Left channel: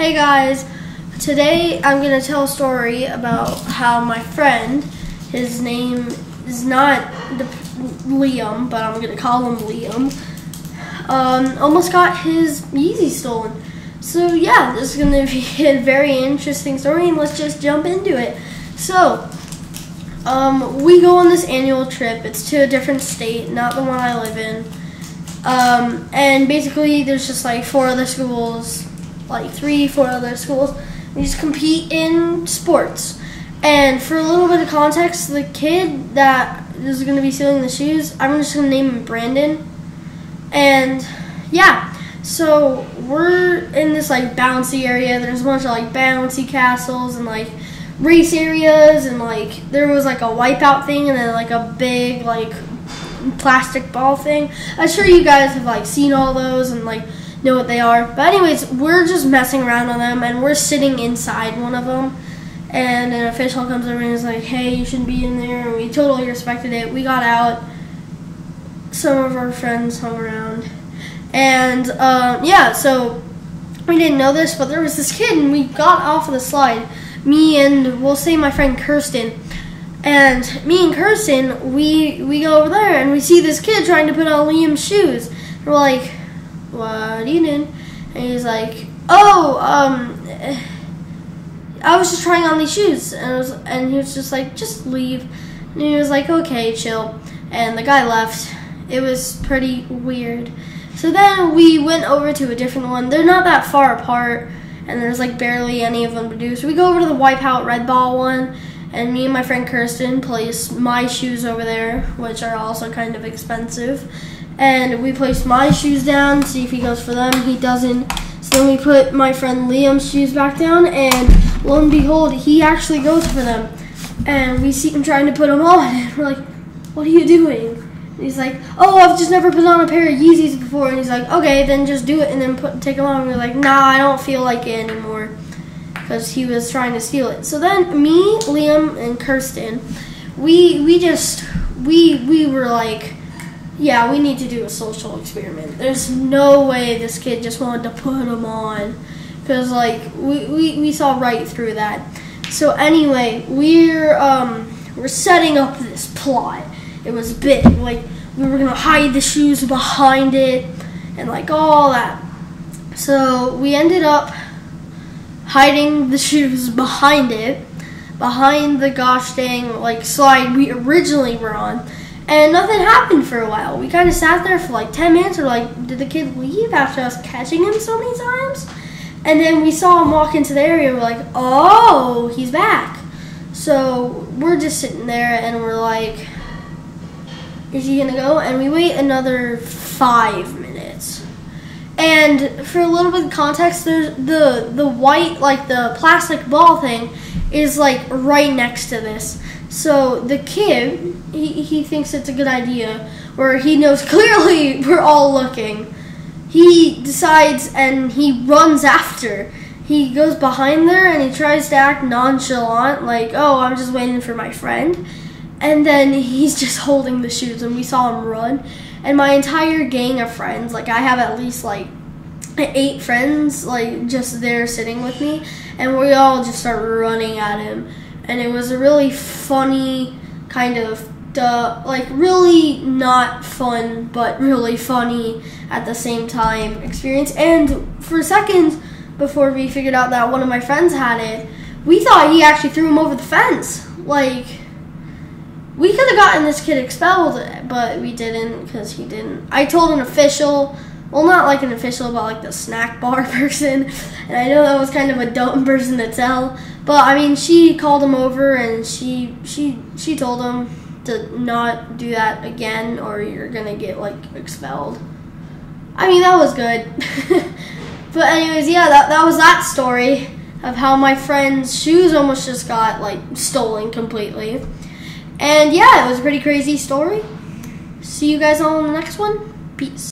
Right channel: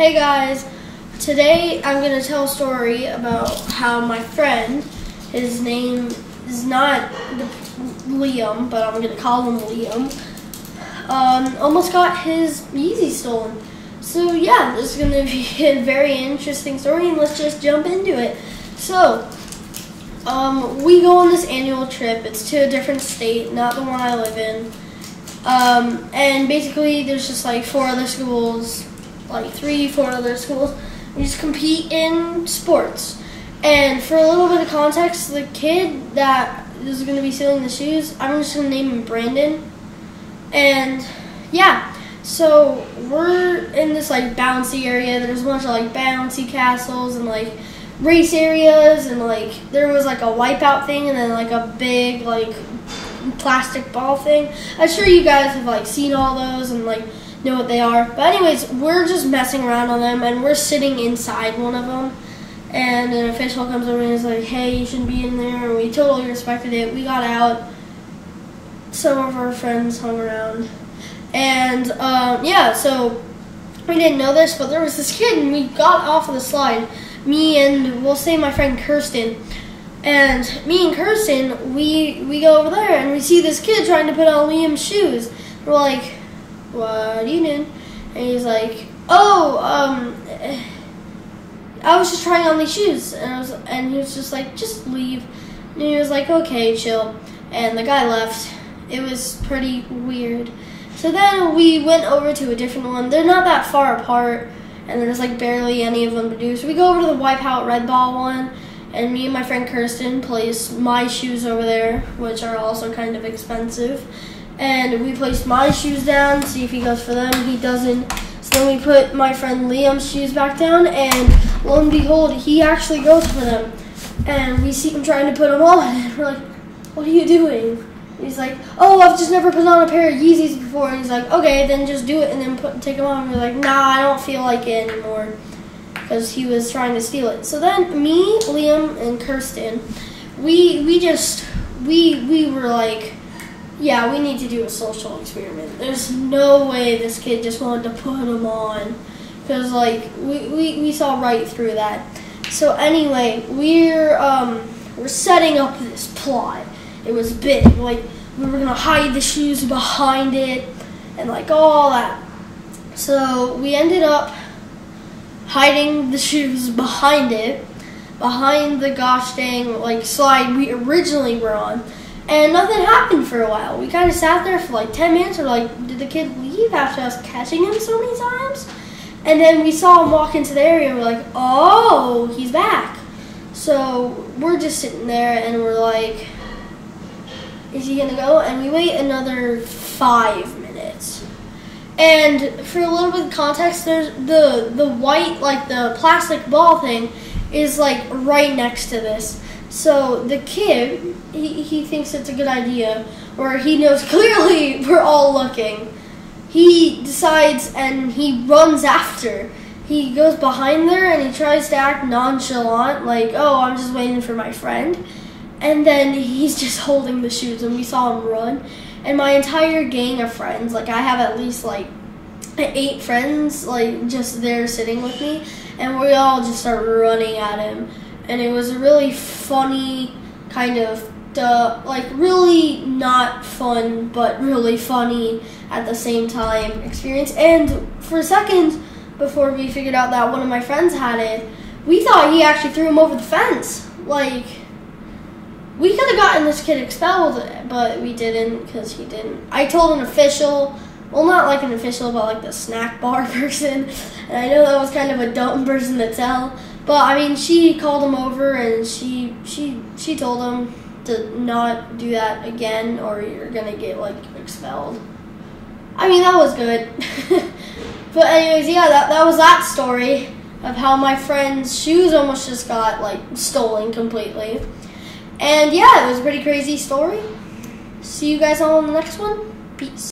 Hey guys, today I'm going to tell a story about how my friend, his name is not Liam, but I'm going to call him Liam, almost got his Yeezy stolen. So yeah, this is going to be a very interesting story, and let's just jump into it. So, we go on this annual trip. It's to a different state, not the one I live in. And basically there's just like 4 other schools, like 3-4 other schools. We just compete in sports. And for a little bit of context, the kid that is going to be stealing the shoes, I'm just going to name him Brandon. And yeah, so we're in this like bouncy area. There's a bunch of like bouncy castles and like race areas, and like there was like a wipeout thing, and then like a big like plastic ball thing. I'm sure you guys have like seen all those and like know what they are. But anyways, we're just messing around on them, and we're sitting inside one of them, and an official comes over and is like, hey, you shouldn't be in there. And we totally respected it. We got out. Some of our friends hung around, and yeah, so we didn't know this, but there was this kid, and we got off of the slide, me and we'll say my friend Kirsten. And me and Kirsten, we go over there, and we see this kid trying to put on Liam's shoes. We're like, what are you doing? And he's like, oh, I was just trying on these shoes. And he was just like, just leave. And he was like, okay, chill. And the guy left. It was pretty weird. So then we went over to a different one. They're not that far apart, and there's like barely any of them to do. So we go over to the Wipeout Red Ball one. And me and my friend Kirsten place my shoes over there, which are also kind of expensive. And we placed my shoes down, see if he goes for them. He doesn't. So then we put my friend Liam's shoes back down, and lo and behold, he actually goes for them. And we see him trying to put them on, and we're like, what are you doing? And he's like, oh, I've just never put on a pair of Yeezys before. And he's like, okay, then just do it and then take them on. And we're like, nah, I don't feel like it anymore, because he was trying to steal it. So then me, Liam, and Kirsten, we were like, yeah, we need to do a social experiment. There's no way this kid just wanted to put them on, because like we saw right through that. So anyway, we're setting up this plot. It was big. Like, we were gonna hide the shoes behind it and like all that. So we ended up hiding the shoes behind it, behind the gosh dang like slide we originally were on, and nothing happened for a while. We kind of sat there for like 10 minutes. Or like, did the kid leave after us catching him so many times? And then we saw him walk into the area. We're like, oh, he's back. So we're just sitting there, and we're like, is he gonna go? And we wait another 5 minutes. And for a little bit of context, there's the white, like the plastic ball thing, is like right next to this. So the kid, he thinks it's a good idea, or he knows clearly we're all looking. He decides, and he runs after. He goes behind there, and he tries to act nonchalant, like, oh, I'm just waiting for my friend. And then he's just holding the shoes, and we saw him run. And my entire gang of friends, like I have at least like 8 friends, like just there sitting with me, and we all just start running at him. And it was a really funny kind of, like really not fun, but really funny at the same time experience. And for a second, before we figured out that one of my friends had it, we thought he actually threw him over the fence. Like, we could have gotten this kid expelled, but we didn't, because he didn't. I told an official, well, not like an official, but like the snack bar person, and I know that was kind of a dumb person to tell, but I mean, she called him over, and she told him to not do that again, or you're gonna get like expelled. I mean, that was good. But anyways, yeah, that was that story of how my friend's shoes almost just got like stolen completely. And yeah, it was a pretty crazy story. See you guys all in the next one. Peace.